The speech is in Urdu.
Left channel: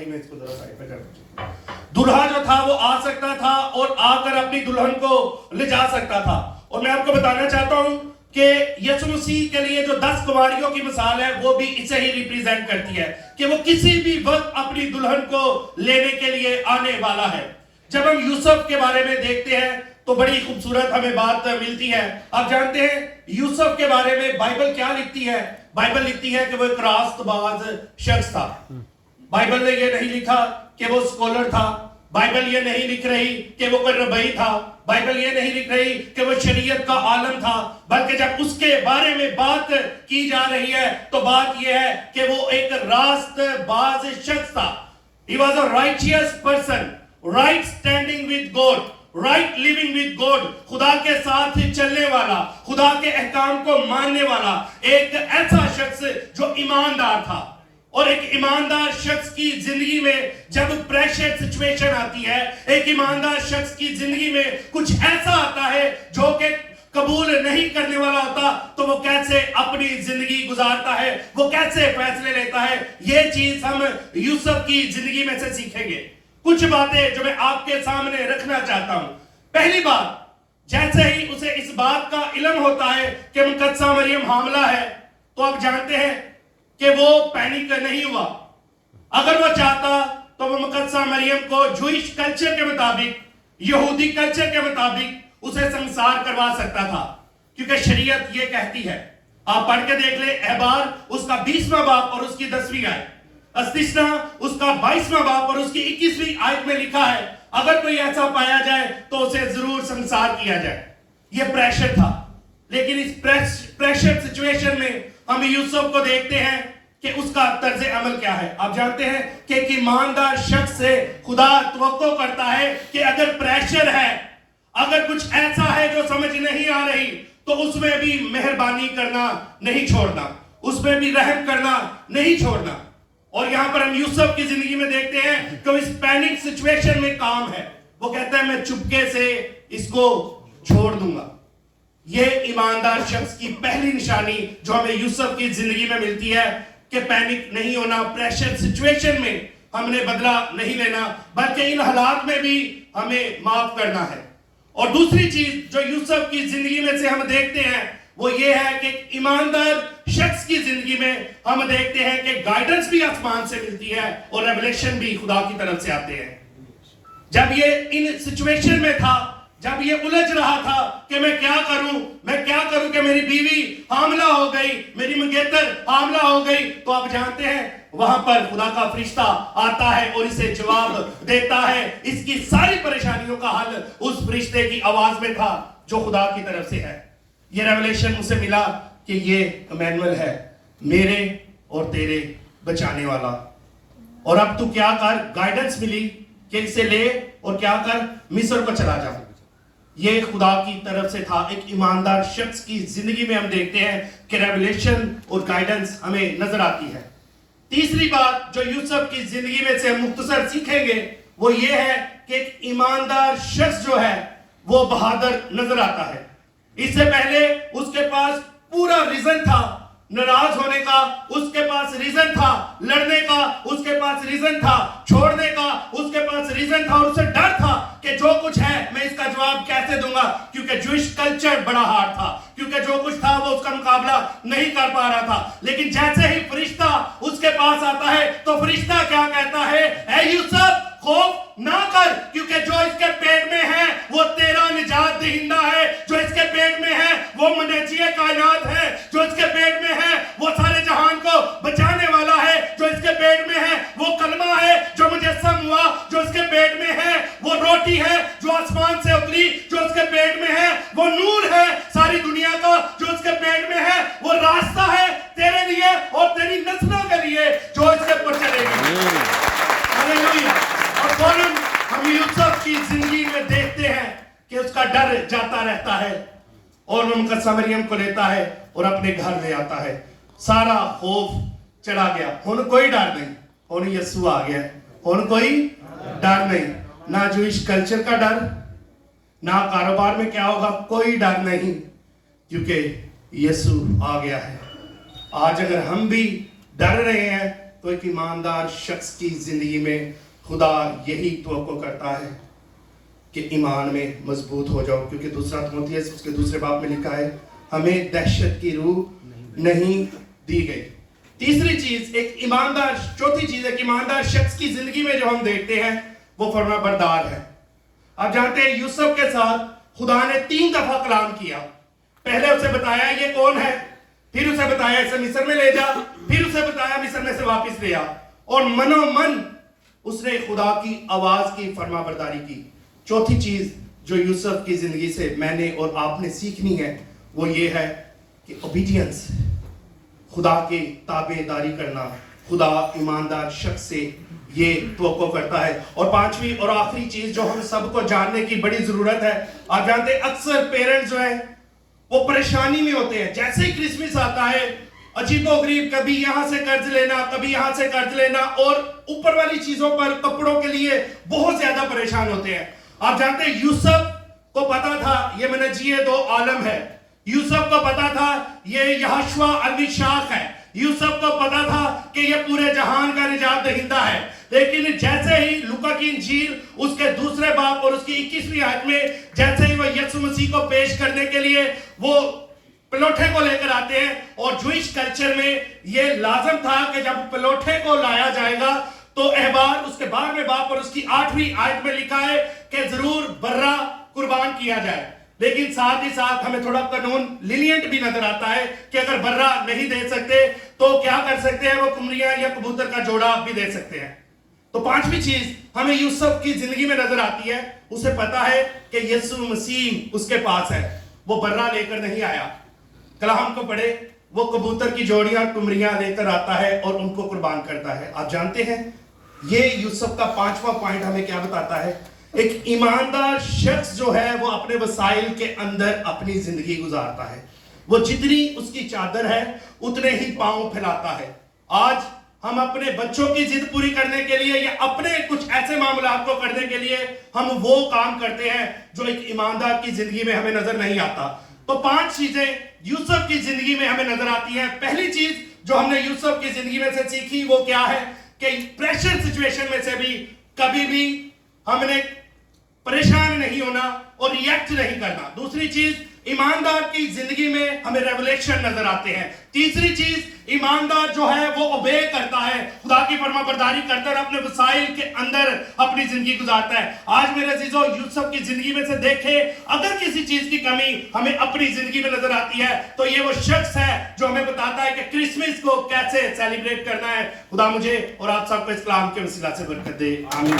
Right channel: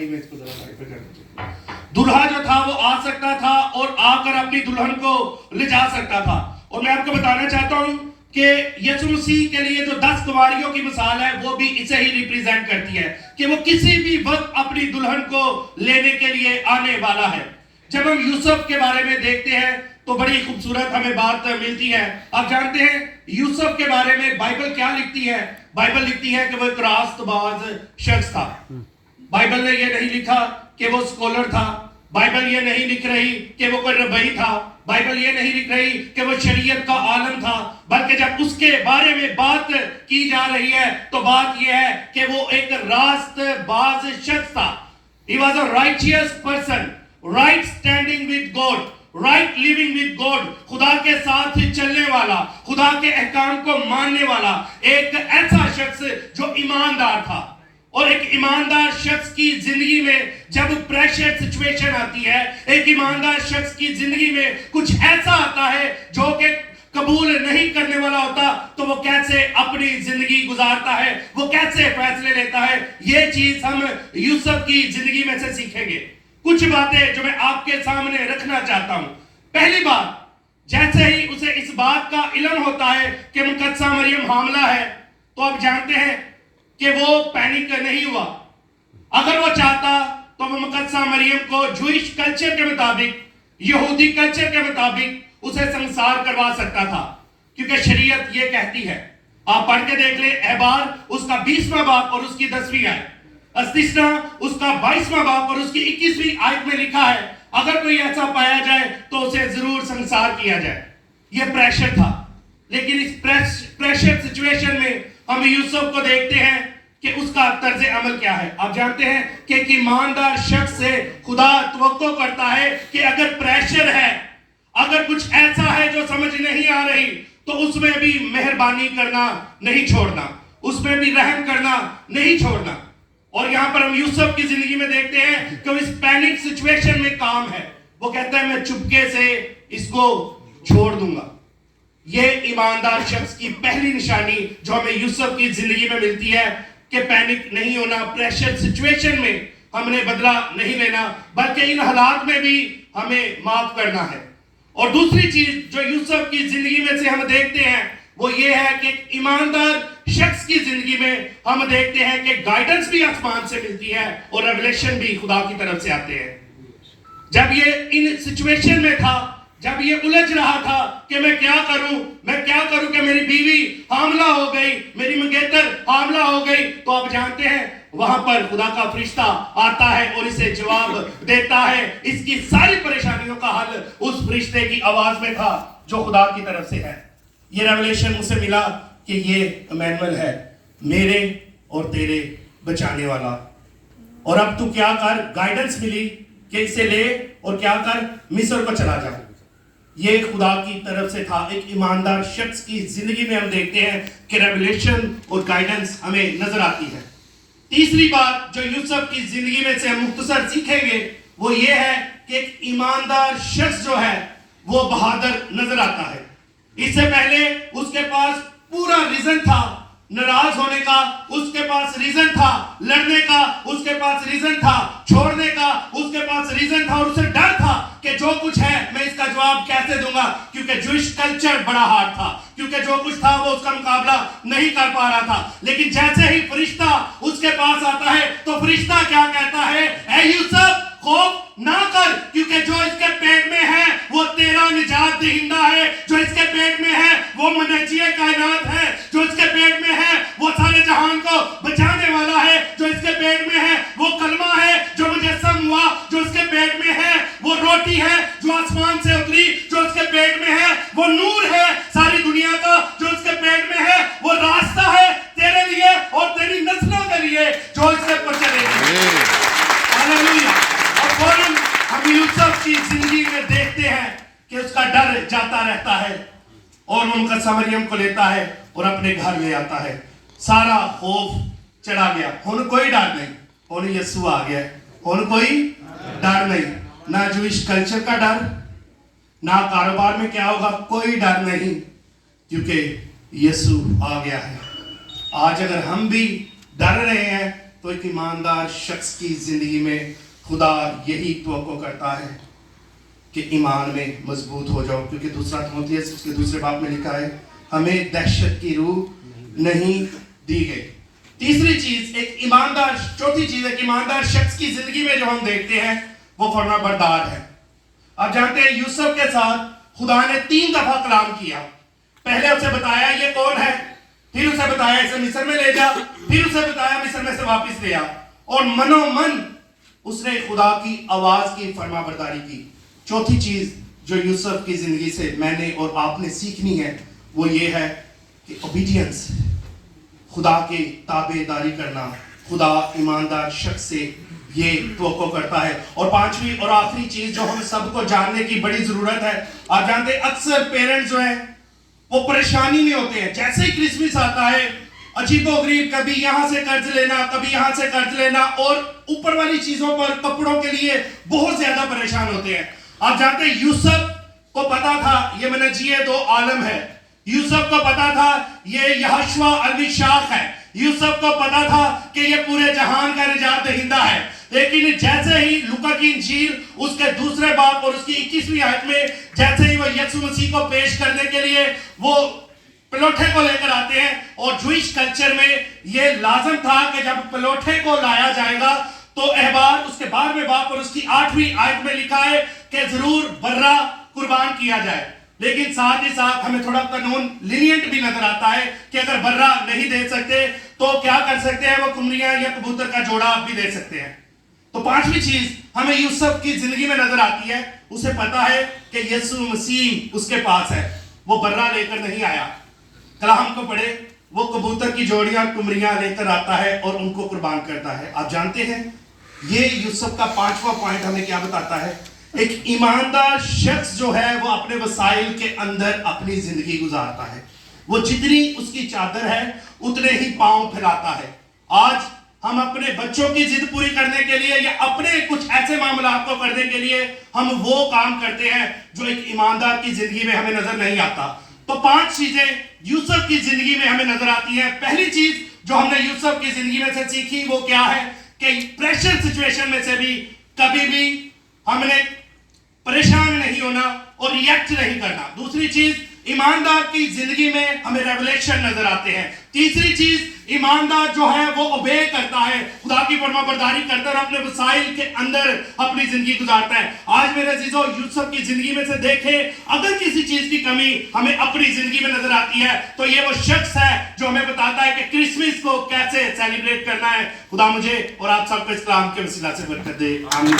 بھائی میں اس کو ذرا سائڈ پہ کر دیتا ہوں. دلہا جو تھا وہ آ سکتا تھا اور آ کر اپنی دلہن کو لے جا سکتا تھا. اور میں آپ کو بتانا چاہتا ہوں کہ یسوع مسیح کے لیے جو 10 کنواریوں کی مثال ہے وہ بھی اسے ہی ریپریزنٹ کرتی ہے کہ وہ کسی بھی وقت اپنی دلہن کو لینے کے لیے آنے والا ہے. جب ہم یوسف کے بارے میں دیکھتے ہیں تو بڑی خوبصورت ہمیں بات ملتی ہے. آپ جانتے ہیں یوسف کے بارے میں بائبل کیا لکھتی ہے؟ بائبل لکھتی ہے کہ وہ ایک راست باز شخص تھا. بائبل نے یہ نہیں لکھا کہ وہ اسکولر تھا. بائبل یہ نہیں لکھ رہی کہ وہ کوئی ربی تھا. بائبل یہ نہیں لکھ رہی کہ وہ شریعت کا عالم تھا. بلکہ جب اس کے بارے میں بات کی جا رہی ہے تو بات یہ ہے کہ وہ ایک راست باز شخص تھا. He was a righteous person, right standing with God, right living with God. خدا کے ساتھ چلنے والا, خدا کے احکام کو ماننے والا, ایک ایسا شخص جو ایماندار تھا. اور ایک ایماندار شخص کی زندگی میں جب پریشر سچویشن آتی ہے, ایک ایماندار شخص کی زندگی میں کچھ ایسا آتا ہے جو کہ قبول نہیں کرنے والا ہوتا, تو وہ کیسے اپنی زندگی گزارتا ہے, وہ کیسے فیصلے لیتا ہے, یہ چیز ہم یوسف کی زندگی میں سے سیکھیں گے. کچھ باتیں جو میں آپ کے سامنے رکھنا چاہتا ہوں. پہلی بات, جیسے ہی اسے اس بات کا علم ہوتا ہے کہ مقدسہ مریم حاملہ ہے, تو آپ جانتے ہیں کہ وہ پینک نہیں ہوا. اگر وہ چاہتا تو وہ مقدسہ مریم کو جوئش کلچر کے مطابق, یہودی کلچر کے مطابق اسے سنسار کروا سکتا تھا, کیونکہ شریعت یہ کہتی ہے. آپ پڑھ کے دیکھ لیں احبار اس کا 20واں باب اور اس کی 10ویں آیت, استثنا اس کا 22واں باب اور اس کی 21ویں آیت میں لکھا ہے اگر کوئی ایسا پایا جائے تو اسے ضرور سنسار کیا جائے. یہ پریشر تھا. لیکن اس پریشر سچویشن میں ہم یوسف کو دیکھتے ہیں کہ اس کا طرز عمل کیا ہے. آپ جانتے ہیں کہ ایک ایماندار شخص سے خدا توقع کرتا ہے کہ اگر پریشر ہے, اگر کچھ ایسا ہے جو سمجھ نہیں آ رہی, تو اس میں بھی مہربانی کرنا نہیں چھوڑنا, اس میں بھی رحم کرنا نہیں چھوڑنا. اور یہاں پر ہم یوسف کی زندگی میں دیکھتے ہیں کہ اس پینک سچویشن میں کام ہے. وہ کہتا ہے میں چپکے سے اس کو چھوڑ دوں گا. یہ ایماندار شخص کی پہلی نشانی جو ہمیں یوسف کی زندگی میں ملتی ہے کہ پینک نہیں ہونا, پریشر سچویشن میں ہم نے بدلہ نہیں لینا, بلکہ ان حالات میں بھی ہمیں معاف کرنا ہے. اور دوسری چیز جو یوسف کی زندگی میں سے ہم دیکھتے ہیں وہ یہ ہے کہ ایک ایماندار شخص کی زندگی میں ہم دیکھتے ہیں کہ گائیڈنس بھی آسمان سے ملتی ہے اور ریولیشن بھی خدا کی طرف سے آتے ہیں. جب یہ ان سچویشن میں تھا, جب یہ الجھ رہا تھا کہ میں کیا کروں کہ میری بیوی حاملہ ہو گئی, میری منگیتر حاملہ ہو گئی, تو آپ جانتے ہیں وہاں پر خدا کا فرشتہ آتا ہے اور اسے جواب دیتا ہے. اس کی ساری پریشانیوں کا حل اس فرشتے کی آواز میں تھا جو خدا کی طرف سے ہے. یہ ریولیشن اسے ملا کہ یہ امانویل ہے, میرے اور تیرے بچانے والا. اور اب تو کیا کر, گائیڈنس ملی کہ اسے لے اور کیا کر, مصر کو چلا جا. یہ خدا کی طرف سے تھا. ایک ایماندار شخص کی زندگی میں ہم دیکھتے ہیں کہ ریولیشن اور گائیڈنس ہمیں نظر آتی ہے. تیسری بات جو یوسف کی زندگی میں سے ہم مختصر سیکھیں گے وہ یہ ہے کہ ایک ایماندار شخص جو ہے وہ بہادر نظر آتا ہے. اس سے پہلے اس کے پاس پورا ریزن تھا ناراض ہونے کا, اس کے پاس ریزن تھا لڑنے کا, اس کے پاس ریزن تھا چھوڑنے کا, اس کے پاس ریزن تھا, اور اسے ڈر تھا کہ جو کچھ ہے میں اس کا جواب کیسے دوں گا, کیونکہ جوئش کلچر بڑا ہارڈ تھا, کیونکہ جو کچھ تھا وہ اس کا مقابلہ نہیں کر پا رہا تھا. لیکن جیسے ہی فرشتہ اس کے پاس آتا ہے تو فرشتہ کیا کہتا ہے, اے یوسف خوف نہ کر, کیونکہ جو اس کے پیٹ میں ہے وہ تیرا نجات دہندہ ہے, جو اس کے پیٹ میں ہے وہ منجی کائنات ہے, جو اس کے پیٹ میں ہے وہ سارے جہان کو بچانے والا ہے, جو اس کے پیٹ میں ہے وہ کلمہ ہے جو مجسم ہوا, جو اس کے پیٹ میں ہے وہ روٹی ہے جو آسمان سے اتری, جو اس کے پیٹ میں ہے وہ نور ہے ساری دنیا کا, جو اس کے پیٹ میں ہے وہ راستہ ہے تیرے لیے اور تیری نسلوں کے لیے جو اس کے پر چلے گی. ہاللیلویا. اور فوراً ہم یوسف کی زندگی میں دیکھتے ہیں کہ اس کا ڈر جاتا رہتا ہے اور وہ مقدسہ مریم کو لیتا ہے اور اپنے گھر لے آتا ہے. سارا خوف چڑھا گیا, ہن کوئی ڈر نہیں, ہن یسوع آ گیا, ہن کوئی ڈر نہیں, نہ جوئش کلچر کا ڈر, نہ کاروبار میں کیا ہوگا, کوئی ڈر نہیں, کیونکہ یسوع آ گیا ہے. آج اگر ہم بھی ڈر رہے ہیں تو ایک ایماندار شخص کی زندگی میں خدا یہی توقع کرتا ہے کہ ایمان میں مضبوط ہو جاؤ، کیونکہ دوسرا تیموتھیوس اس کے دوسرے باب میں لکھا ہے ہمیں دہشت کی روح نہیں دی گئی۔ تیسری چیز ایک ایماندار، چوتھی چیز ایک ایماندار شخص کی زندگی میں جو ہم دیکھتے ہیں وہ فرما بردار ہے۔ آپ جانتے ہیں یوسف کے ساتھ خدا نے 3 دفعہ کلام کیا۔ پہلے اسے بتایا یہ کون ہے، پھر اسے بتایا اسے مصر میں لے جا، پھر اسے بتایا مصر میں سے واپس لے آ، اور منو من اس نے خدا کی آواز کی فرما برداری کی۔ چوتھی چیز جو یوسف کی زندگی سے میں نے اور آپ نے سیکھنی ہے وہ یہ ہے کہ اوبیڈینس، خدا کے تابع داری کرنا، خدا ایماندار شخص سے یہ توقع کرتا ہے۔ اور پانچویں اور آخری چیز جو ہم سب کو جاننے کی بڑی ضرورت ہے، آپ جانتے ہیں اکثر پیرنٹس جو ہیں وہ پریشانی میں ہوتے ہیں، جیسے ہی کرسمس آتا ہے عجیب و غریب، کبھی یہاں سے قرض لینا، کبھی یہاں سے قرض لینا، اور اوپر والی چیزوں پر، کپڑوں کے لیے بہت زیادہ پریشان ہوتے ہیں۔ آپ جانتے ہیں یوسف کو پتا تھا یہ منجی دو عالم ہے، یوسف کو پتا تھا یہ یہوشوا المشاق ہے، یوسف کو پتا تھا کہ یہ پورے جہان کا نجات دہندہ ہے، لیکن جیسے ہی لوکا کی انجیل اس کے دوسرے باب اور اس کی 21ویں آیت میں جیسے ہی وہ یسوع مسیح کو پیش کرنے کے لیے وہ پلوٹھے کو لے کر آتے ہیں، اور جوئش کلچر میں یہ لازم تھا کہ جب پلوٹھے کو لایا جائے گا تو احبار اس کے 12ویں باب اور اس کی 8ویں آیت میں لکھا ہے کہ ضرور برہ قربان کیا جائے، لیکن ساتھ ہی ساتھ ہمیں تھوڑا قانون لینینٹ بھی نظر آتا ہے کہ اگر برہ نہیں دے سکتے تو کیا کر سکتے ہیں، وہ قمریاں یا کبوتر کا جوڑا بھی دے سکتے ہیں۔ تو پانچویں چیز ہمیں یوسف کی زندگی میں نظر آتی ہے، اسے پتا ہے کہ یسوع مسیح اس کے پاس ہے، وہ برہ لے کر نہیں آیا۔ کلام کو پڑھے، وہ کبوتر کی جوڑیاں کمریاں لے کر آتا ہے اور ان کو قربان کرتا ہے۔ آپ جانتے ہیں یہ یوسف کا 5واں پوائنٹ ہمیں کیا بتاتا ہے؟ ایک ایماندار شخص جو ہے وہ اپنے وسائل کے اندر اپنی زندگی گزارتا ہے، وہ جتنی اس کی چادر ہے اتنے ہی پاؤں پھیلاتا ہے۔ آج ہم اپنے بچوں کی ضد پوری کرنے کے لیے یا اپنے کچھ ایسے معاملات کو کرنے کے لیے ہم وہ کام کرتے ہیں جو ایک ایماندار کی زندگی میں ہمیں نظر نہیں آتا۔ تو 5 چیزیں یوسف کی زندگی میں ہمیں نظر آتی ہیں۔ پہلی چیز جو ہم نے یوسف کی زندگی میں سے سیکھی وہ کیا ہے کہ پریشر سچویشن میں سے بھی کبھی بھی ہم نے پریشان نہیں ہونا اور ریئیکٹ نہیں کرنا۔ دوسری چیز ایماندار کی زندگی میں ہمیں ریولیشن نظر آتے ہیں۔ تیسری چیز ایماندار جو ہے وہ اوبے کرتا ہے، خدا کی فرما برداری کرتا ہے اور اپنے وسائل کے اندر اپنی زندگی گزارتا ہے۔ آج میرے عزیزو یوسف کی زندگی میں سے دیکھیں، اگر کسی چیز کی کمی ہمیں اپنی زندگی میں نظر آتی ہے تو یہ وہ شخص ہے جو ہمیں بتاتا ہے کہ کرسمس کو کیسے سیلیبریٹ کرنا ہے۔ خدا مجھے اور آپ سب کو اس کلام کے وسیلہ سے برکت دے، آمین۔